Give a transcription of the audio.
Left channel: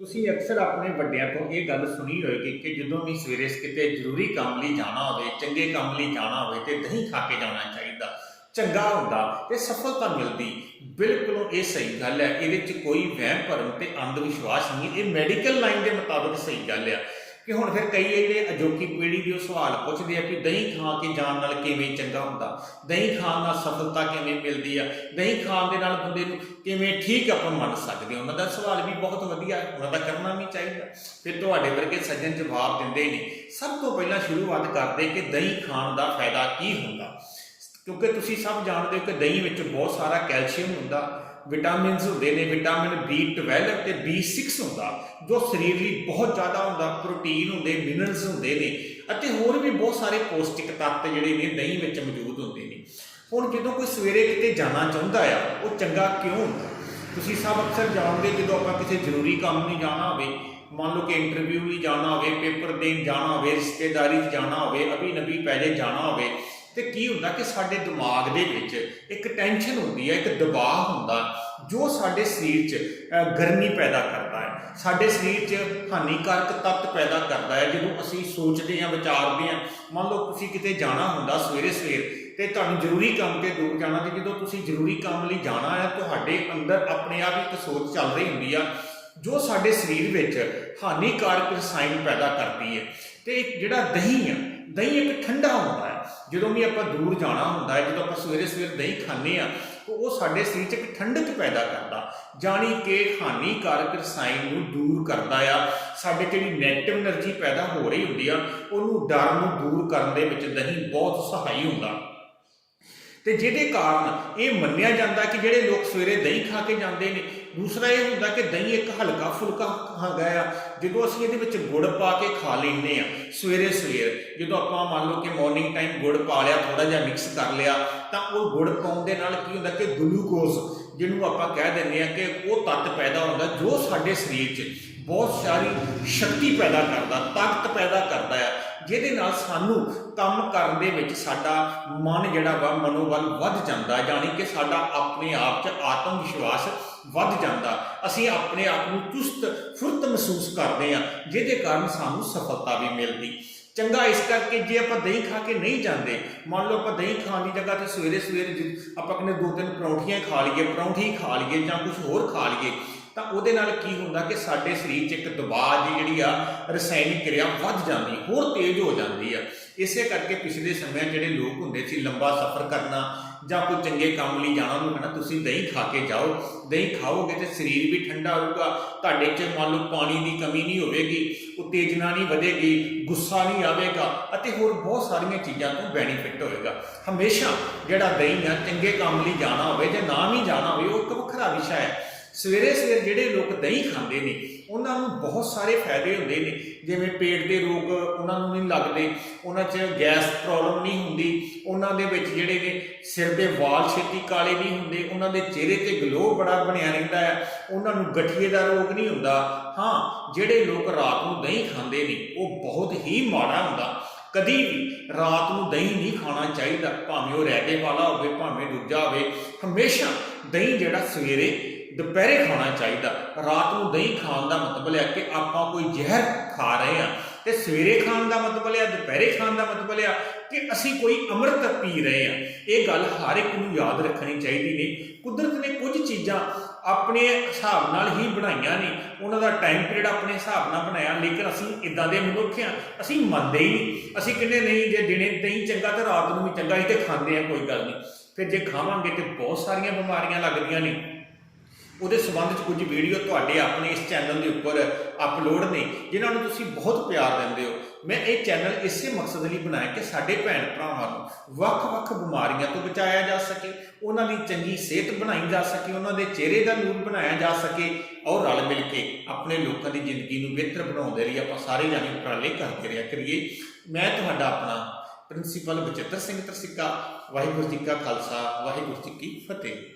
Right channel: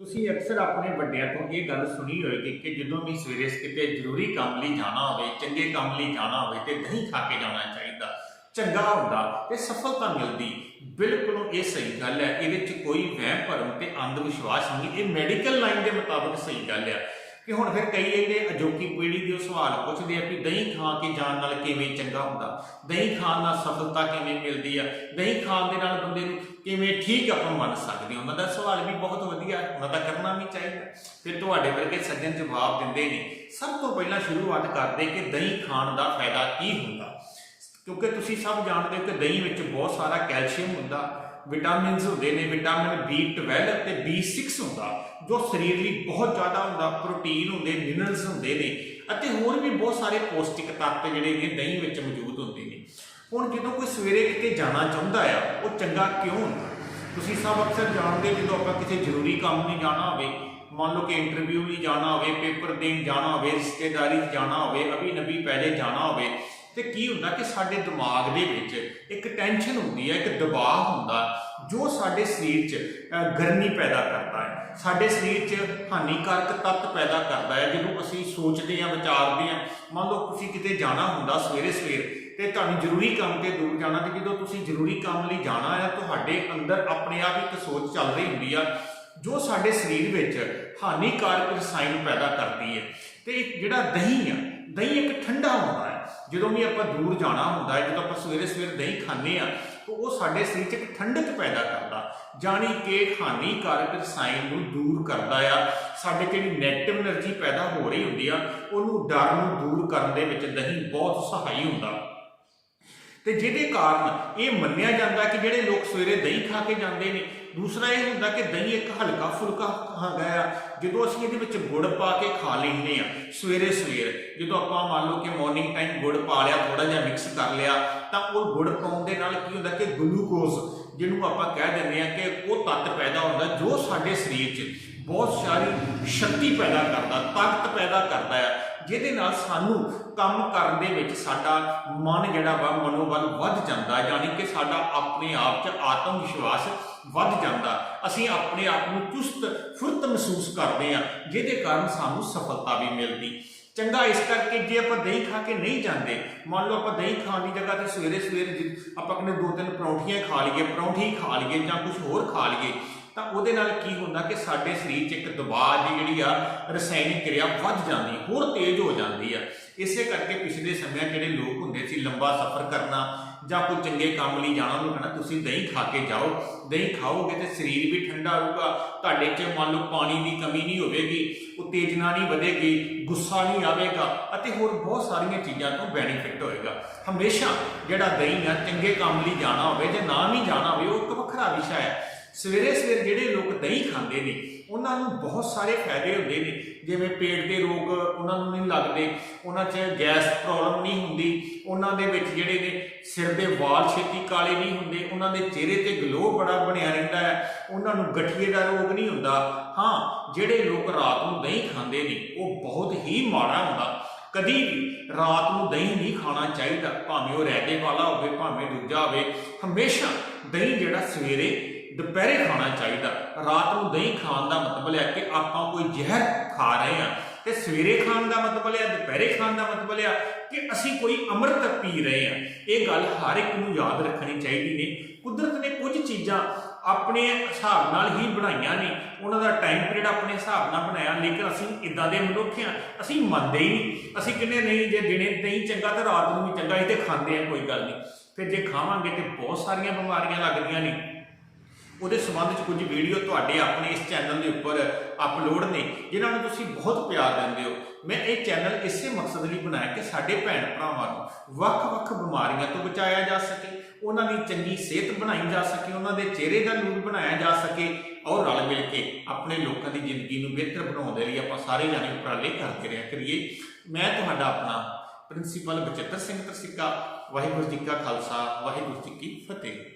ਤੁਸੀਂ ਅਕਸਰ ਆਪਣੇ ਵੱਡਿਆਂ ਤੋਂ ਇਹ ਗੱਲ ਸੁਣੀ ਹੋਏਗੀ ਕਿ ਜਦੋਂ ਵੀ ਸਵੇਰੇ ਕਿਤੇ ਜ਼ਰੂਰੀ ਕੰਮ ਲਈ ਜਾਣਾ ਹੋਵੇ, ਚੰਗੇ ਕੰਮ ਲਈ ਜਾਣਾ ਹੋਵੇ ਤੇ ਦਹੀਂ ਖਾ ਕੇ ਜਾਣਾ ਚਾਹੀਦਾ, ਚੰਗਾ ਹੁੰਦਾ ਤੇ ਸਫਲਤਾ ਮਿਲਦੀ। ਬਿਲਕੁਲ ਇਹ ਸਹੀ ਗੱਲ ਹੈ। ਇਹਦੇ ਵਿੱਚ ਕੋਈ ਵਹਿਮ ਭਰਮ ਤੇ ਅੰਧ ਵਿਸ਼ਵਾਸ ਨਹੀਂ। ਇਹ ਮੈਡੀਕਲ ਲਾਈਨ ਦੇ ਮੁਤਾਬਕ ਸਹੀ ਗੱਲ ਹੈ। ਕਿ ਹੁਣ ਫਿਰ ਕਈ ਜਿਹੜੇ ਅਜੋਕੀ ਪੀੜ੍ਹੀ ਦੇ ਉਹ ਸਵਾਲ ਪੁੱਛਦੇ ਆ ਕਿ ਦਹੀਂ ਖਾ ਕੇ ਜਾਣ ਨਾਲ ਕਿਵੇਂ ਚੰਗਾ ਹੁੰਦਾ? ਦਹੀਂ ਖਾਣ ਨਾਲ ਸਫਲਤਾ ਕਿਵੇਂ ਮਿਲਦੀ ਆ? ਦਹੀਂ ਖਾਣ ਦੇ ਨਾਲ ਬੰਦੇ ਨੂੰ ਕਿਵੇਂ ਠੀਕ ਆਪਾਂ ਮੰਨ ਸਕਦੇ ਹਾਂ? ਉਹਨਾਂ ਦਾ ਸਵਾਲ ਵੀ ਬਹੁਤ ਵਧੀਆ ਉਹਨਾਂ ਦਾ ਕਰਨਾ ਵੀ ਚਾਹੀਦਾ। ਤੇ ਤੁਹਾਡੇ ਵਰਗੇ ਸੱਜਣ ਜਵਾਬ ਦਿੰਦੇ ਨੇ, ਸਭ ਤੋਂ ਪਹਿਲਾਂ ਸ਼ੁਰੂਆਤ ਕਰਦੇ ਕਿ ਦਹੀਂ ਖਾਣ ਦਾ ਫਾਇਦਾ ਕੀ ਹੁੰਦਾ? ਕਿਉਂਕਿ ਤੁਸੀਂ ਸਭ ਜਾਣਦੇ ਹੋ ਕਿ ਦਹੀਂ ਵਿੱਚ ਬਹੁਤ ਸਾਰਾ ਕੈਲਸ਼ੀਅਮ ਹੁੰਦਾ। ਵਿਟਾਮਿਨਸ ਹੁੰਦੇ ਨੇ, ਵਿਟਾਮਿਨ B12 ਤੇ B6 ਹੁੰਦਾ, ਜੋ ਸਰੀਰ ਲਈ ਬਹੁਤ ਜ਼ਿਆਦਾ ਹੁੰਦਾ, ਪ੍ਰੋਟੀਨ ਹੁੰਦੇ ਮਿਨਰਲਸ ਹੁੰਦੇ ਨੇ, ਅਤੇ ਹੋਰ ਵੀ ਬਹੁਤ ਸਾਰੇ ਪੌਸ਼ਟਿਕ ਤੱਤ ਜਿਹੜੇ ਨੇ ਦਹੀਂ ਵਿੱਚ ਮੌਜੂਦ ਹੁੰਦੇ ਨੇ। ਹੁਣ ਜਦੋਂ ਕੋਈ ਸਵੇਰੇ ਕਿਤੇ ਜਾਣਾ ਚਾਹੁੰਦਾ ਆ, ਉਹ ਚੰਗਾ ਕਿਉਂ ਹੁੰਦਾ? ਤੁਸੀਂ ਸਭ ਅਕਸਰ ਜਾਣਦੇ ਜਦੋਂ ਆਪਾਂ ਕਿਸੇ ਜ਼ਰੂਰੀ ਕੰਮ ਨਹੀਂ ਜਾਣਾ ਹੋਵੇ, ਮੰਨ ਲਓ ਕਿ ਇੰਟਰਵਿਊ ਲਈ ਜਾਣਾ ਹੋਵੇ, ਪੇਪਰ ਦੇਣ ਜਾਣਾ ਹੋਵੇ, ਰਿਸ਼ਤੇਦਾਰੀ 'ਚ ਜਾਣਾ ਹੋਵੇ ਅਭੀ ਨਬੀ ਪੈਦੇ ਜਾਣਾ ਹੋਵੇ ਤੇ ਕੀ ਹੁੰਦਾ ਕਿ ਸਾਡੇ ਦਿਮਾਗ ਦੇ ਵਿੱਚ ਇੱਕ ਟੈਨਸ਼ਨ ਹੁੰਦੀ ਹੈ, ਇੱਕ ਦਬਾਅ ਹੁੰਦਾ ਜੋ ਸਾਡੇ ਸਰੀਰ 'ਚ ਗਰਮੀ ਪੈਦਾ ਕਰਦਾ ਹੈ। ਸਾਡੇ ਸਰੀਰ 'ਚ ਹਾਨੀਕਾਰਕ ਤੱਤ ਪੈਦਾ ਕਰਦਾ ਹੈ ਜਦੋਂ ਅਸੀਂ ਸੋਚਦੇ ਹਾਂ ਵਿਚਾਰਦੇ ਹਾਂ। ਮੰਨ ਲਓ ਤੁਸੀਂ ਕਿਤੇ ਜਾਣਾ ਹੁੰਦਾ ਸਵੇਰੇ ਸਵੇਰ ਤੇ ਤੁਹਾਨੂੰ ਜ਼ਰੂਰੀ ਕੰਮ ਤੇ ਦੂਰ ਜਾਣਾ ਤੇ ਜਦੋਂ ਤੁਸੀਂ ਜ਼ਰੂਰੀ ਕੰਮ ਲਈ ਜਾਣਾ ਹੈ, ਤੁਹਾਡੇ ਅੰਦਰ ਆਪਣੇ ਆਪ ਇੱਕ ਸੋਚ ਚੱਲ ਰਹੀ ਹੁੰਦੀ ਆ, ਜੋ ਸਾਡੇ ਸਰੀਰ ਵਿੱਚ ਹਾਨੀਕਾਰਕ ਰਸਾਇਣ ਪੈਦਾ ਕਰਦੀ ਹੈ। ਤੇ ਜਿਹੜਾ ਦਹੀਂ ਆ, ਦਹੀਂ ਇੱਕ ਠੰਡਾ ਹੁੰਦਾ ਹੈ। ਜਦੋਂ ਵੀ ਆਪਾਂ ਦੂਰ ਜਾਣਾ ਹੁੰਦਾ ਹੈ, ਜਦੋਂ ਆਪਾਂ ਸਵੇਰੇ ਸਵੇਰ ਦਹੀਂ ਖਾਂਦੇ ਆ ਉਹ ਸਾਡੇ ਸਰੀਰ 'ਚ ਇੱਕ ਠੰਡਕ ਪੈਦਾ ਕਰਦਾ। ਜਾਨੀ ਕਿ ਹਾਨੀਕਾਰਕ ਰਸਾਇਣ ਨੂੰ ਦੂਰ ਕਰਦਾ ਆ। ਸਾਡੇ ਜਿਹੜੀ ਨੈਗੇਟਿਵ એનર્ਜੀ ਪੈਦਾ ਹੋ ਰਹੀ ਹੁੰਦੀ ਆ, ਉਹਨੂੰ ਡਰ ਨੂੰ ਦੂਰ ਕਰਨ ਦੇ ਵਿੱਚ ਦਹੀਂ ਬਹੁਤ ਸਹਾਈ ਹੁੰਦਾ। ਤੇ ਜਿਹਦੇ ਕਾਰਨ ਇਹ ਮੰਨਿਆ ਜਾਂਦਾ ਕਿ ਜਿਹੜੇ ਲੋਕ ਸਵੇਰੇ ਦਹੀਂ ਖਾ ਕੇ ਜਾਂਦੇ ਨੇ ਦੂਸਰਾ ਇਹ ਹੁੰਦਾ ਕਿ ਦਹੀਂ ਇੱਕ ਹਲਕਾ ਫੁਲਕਾ ਹੈਗਾ ਆ। ਜਦੋਂ ਅਸੀਂ ਇਹਦੇ ਵਿੱਚ ਗੁੜ ਪਾ ਕੇ ਖਾ ਲੈਂਦੇ ਆ, ਸਵੇਰੇ ਸਵੇਰ, ਜਦੋਂ ਆਪਾਂ ਮੰਨ ਲਓ ਕਿ ਮਾਰਨਿੰਗ ਟਾਈਮ ਗੁੜ ਪਾ ਲਿਆ ਥੋੜਾ ਜਿਹਾ ਮਿਕਸ ਕਰ ਲਿਆ, ਤਾਂ ਉਹ ਗੁੜ ਪਾਉਣ ਦੇ ਨਾਲ ਕੀ ਹੁੰਦਾ ਕਿ ਗਲੂਕੋਜ਼ ਜਿਹਨੂੰ ਆਪਾਂ ਕਹਿ ਦਿੰਦੇ ਆ ਕਿ ਉਹ ਤੱਤ ਪੈਦਾ ਹੁੰਦਾ ਜੋ ਸਾਡੇ ਸਰੀਰ 'ਚ ਬਹੁਤ ਸਾਰੀ ਸ਼ਕਤੀ ਪੈਦਾ ਕਰਦਾ, ਤਾਕਤ ਪੈਦਾ ਕਰਦਾ ਆ। ਜਿਹਦੇ ਨਾਲ ਸਾਨੂੰ ਕੰਮ ਕਰਨ ਦੇ ਵਿੱਚ ਸਾਡਾ ਮਨ ਜਿਹੜਾ ਵਾ, ਮਨੋਬਲ ਵੱਧ ਜਾਂਦਾ, ਯਾਨੀ ਕਿ ਸਾਡਾ ਆਪਣੇ ਆਪ 'ਚ ਆਤਮ ਵਿਸ਼ਵਾਸ ਵੱਧ ਜਾਂਦਾ। ਅਸੀਂ ਆਪਣੇ ਆਪ ਨੂੰ ਚੁਸਤ, ਫੁਰਤ ਮਹਿਸੂਸ ਕਰਦੇ ਆ ਜਿਹਦੇ ਕਾਰਨ ਸਾਨੂੰ ਸਫਲਤਾ ਵੀ ਮਿਲਦੀ। ਚੰਗਾ ਇਸ ਕਰਕੇ ਜੇ ਆਪਾਂ ਦਹੀਂ ਖਾ ਕੇ ਨਹੀਂ ਜਾਂਦੇ, ਮੰਨ ਲਓ ਆਪਾਂ ਦਹੀਂ ਖਾਣ ਦੀ ਜਗ੍ਹਾ ਤੇ ਸਵੇਰੇ ਸਵੇਰੇ ਜੇ ਆਪਾਂ ਕਹਿੰਦੇ ਦੋ ਤਿੰਨ ਪਰੌਂਠੀਆਂ ਖਾ ਲਈਏ, ਪਰੌਂਠੀ ਖਾ ਲਈਏ ਜਾਂ ਕੁਝ ਹੋਰ ਖਾ ਲਈਏ, ਤਾਂ ਉਹਦੇ ਨਾਲ ਕੀ ਹੁੰਦਾ ਕਿ ਸਾਡੇ ਸਰੀਰ 'ਚ ਇੱਕ ਦਬਾਅ ਦੀ ਜਿਹੜੀ ਆ, ਰਸਾਇਣਿਕ ਕਿਰਿਆ ਵੱਧ ਜਾਂਦੀ, ਹੋਰ ਤੇਜ਼ ਹੋ ਜਾਂਦੀ ਆ। ਇਸੇ ਕਰਕੇ ਪਿਛਲੇ ਸਮਿਆਂ ਜਿਹੜੇ ਲੋਕ ਹੁੰਦੇ ਸੀ ਲੰਬਾ ਸਫ਼ਰ ਕਰਨਾ ਜਾਂ ਕੋਈ ਚੰਗੇ ਕੰਮ ਲਈ ਜਾਣਾ ਉਹਨੂੰ ਨਾ ਤੁਸੀਂ ਦਹੀਂ ਖਾ ਕੇ ਜਾਓ। ਦਹੀਂ ਖਾਓਗੇ ਤੇ ਸਰੀਰ ਵੀ ਠੰਡਾ ਹੋਊਗਾ। ਤੁਹਾਡੇ 'ਚ ਮੰਨ ਲਓ ਪਾਣੀ ਦੀ ਕਮੀ ਨਹੀਂ ਹੋਵੇਗੀ, ਉਤੇਜਨਾ ਨਹੀਂ ਵਧੇਗੀ, ਗੁੱਸਾ ਨਹੀਂ ਆਵੇਗਾ ਅਤੇ ਹੋਰ ਬਹੁਤ ਸਾਰੀਆਂ ਚੀਜ਼ਾਂ ਤੋਂ ਬੈਨੀਫਿਟ ਹੋਏਗਾ। ਹਮੇਸ਼ਾ ਜਿਹੜਾ ਦਹੀਂ ਆ, ਚੰਗੇ ਕੰਮ ਲਈ ਜਾਣਾ ਹੋਵੇ ਜਾਂ ਨਾ ਵੀ ਜਾਣਾ ਹੋਵੇ, ਉਹ ਇੱਕ ਵੱਖਰਾ ਵਿਸ਼ਾ ਹੈ। ਸਵੇਰੇ ਸਵੇਰ ਜਿਹੜੇ ਲੋਕ ਦਹੀਂ ਖਾਂਦੇ ਨੇ, ਉਹਨਾਂ ਨੂੰ ਬਹੁਤ ਸਾਰੇ ਫਾਇਦੇ ਹੁੰਦੇ ਨੇ। ਜਿਵੇਂ ਪੇਟ ਦੇ ਰੋਗ ਉਹਨਾਂ ਨੂੰ ਨਹੀਂ ਲੱਗਦੇ, ਉਹਨਾਂ 'ਚ ਗੈਸ ਪ੍ਰੋਬਲਮ ਨਹੀਂ ਹੁੰਦੀ, ਉਹਨਾਂ ਦੇ ਵਿੱਚ ਜਿਹੜੇ ਨੇ ਸਿਰ ਦੇ ਵਾਲ ਛੇਤੀ ਕਾਲੇ ਨਹੀਂ ਹੁੰਦੇ, ਉਹਨਾਂ ਦੇ ਚਿਹਰੇ ਤੇ ਗਲੋ ਬੜਾ ਬਣਿਆ ਰਹਿੰਦਾ ਹੈ, ਉਹਨਾਂ ਨੂੰ ਗਠੀਏ ਦਾ ਰੋਗ ਨਹੀਂ ਹੁੰਦਾ। ਹਾਂ, ਜਿਹੜੇ ਲੋਕ ਰਾਤ ਨੂੰ ਦਹੀਂ ਖਾਂਦੇ ਨੇ, ਉਹ ਬਹੁਤ ਹੀ ਮਾੜਾ ਹੁੰਦਾ। ਕਦੀ ਵੀ ਰਾਤ ਨੂੰ ਦਹੀਂ ਨਹੀਂ ਖਾਣਾ ਚਾਹੀਦਾ, ਭਾਵੇਂ ਉਹ ਰਹਿਦੇ ਵਾਲਾ ਹੋਵੇ, ਭਾਵੇਂ ਦੂਜਾ ਹੋਵੇ, ਹਮੇਸ਼ਾ ਦਹੀਂ ਜਿਹੜਾ ਸਵੇਰੇ ਦੁਪਹਿਰੇ ਖਾਣਾ ਚਾਹੀਦਾ। ਰਾਤ ਨੂੰ ਦਹੀਂ ਖਾਣ ਦਾ ਮਤਲਬ ਹੈ ਕਿ ਆਪਾਂ ਕੋਈ ਜ਼ਹਿਰ ਖਾ ਰਹੇ ਆ ਤੇ ਸਵੇਰੇ ਖਾਣ ਦਾ ਮਤਲਬ ਹੈ, ਦੁਪਹਿਰੇ ਖਾਣ ਦਾ ਮਤਲਬ ਹੈ ਕਿ ਅਸੀਂ ਕੋਈ ਅੰਮ੍ਰਿਤ ਪੀ ਰਹੇ ਆ ਇਹ ਗੱਲ ਹਰ ਇੱਕ ਨੂੰ ਯਾਦ ਰੱਖਣੀ ਚਾਹੀਦੀ ਨੇ। ਕੁਦਰਤ ਨੇ ਕੁਝ ਚੀਜ਼ਾਂ ਆਪਣੇ ਹਿਸਾਬ ਨਾਲ ਹੀ ਬਣਾਈਆਂ ਨੇ। ਉਹਨਾਂ ਦਾ ਟਾਈਮ ਪੀਰੀਅਡ ਆਪਣੇ ਹਿਸਾਬ ਨਾਲ ਬਣਾਇਆ, ਲੇਕਿਨ ਅਸੀਂ ਇਦਾਂ ਦੇ ਮਨੁੱਖ ਆ ਅਸੀਂ ਮੰਨਦੇ ਹੀ ਨਹੀਂ। ਅਸੀਂ ਕਹਿੰਦੇ ਨਹੀਂ, ਜੇ ਦਿਨੇ ਦਹੀਂ ਚੰਗਾ ਤਾਂ ਰਾਤ ਨੂੰ ਵੀ ਚੰਗਾ ਹੀ ਤੇ ਖਾਂਦੇ ਆ ਕੋਈ ਗੱਲ ਨਹੀਂ। ਫਿਰ ਜੇ ਖਾਵਾਂਗੇ ਤੇ ਬਹੁਤ ਸਾਰੀਆਂ ਬਿਮਾਰੀਆਂ ਲੱਗਦੀਆਂ ਨੇ। ਉਹਦੇ ਸੰਬੰਧ 'ਚ ਕੁਝ ਵੀਡੀਓ ਤੁਹਾਡੇ ਆਪਣੇ ਇਸ ਚੈਨਲ ਦੇ ਉੱਪਰ ਅਪਲੋਡ ਨੇ, ਜਿਨ੍ਹਾਂ ਨੂੰ ਤੁਸੀਂ ਬਹੁਤ ਪਿਆਰ ਦਿੰਦੇ ਹੋ। ਮੈਂ ਇਹ ਚੈਨਲ ਇਸੇ ਮਕਸਦ ਲਈ ਬਣਾਇਆ ਕਿ ਸਾਡੇ ਭੈਣ ਭਰਾਵਾਂ ਨੂੰ ਵੱਖ-ਵੱਖ ਬਿਮਾਰੀਆਂ ਤੋਂ ਬਚਾਇਆ ਜਾ ਸਕੇ, ਉਹਨਾਂ ਦੀ ਚੰਗੀ ਸਿਹਤ ਬਣਾਈ ਜਾ ਸਕੇ, ਉਹਨਾਂ ਦੇ ਚਿਹਰੇ ਦਾ ਨੂਰ ਬਣਾਇਆ ਜਾ ਸਕੇ, ਔਰ ਰਲ ਮਿਲ ਕੇ ਆਪਣੇ ਲੋਕਾਂ ਦੀ ਜ਼ਿੰਦਗੀ ਨੂੰ ਬਿਹਤਰ ਬਣਾਉਣ ਦੇ ਲਈ ਆਪਾਂ ਸਾਰੇ ਜਾਣੇ ਉਪਰਾਲੇ ਕਰਦੇ ਰਿਹਾ ਕਰੀਏ। ਮੈਂ ਤੁਹਾਡਾ ਆਪਣਾ ਪ੍ਰਿੰਸੀਪਲ ਬਚਿੱਤਰ ਸਿੰਘ ਤਰਸਿੱਕਾ, ਵਾਹਿਗੁਰੂ ਜੀ ਕਾ ਖਾਲਸਾ, ਵਾਹਿਗੁਰੂ ਜੀ ਕੀ ਫਤਿਹ।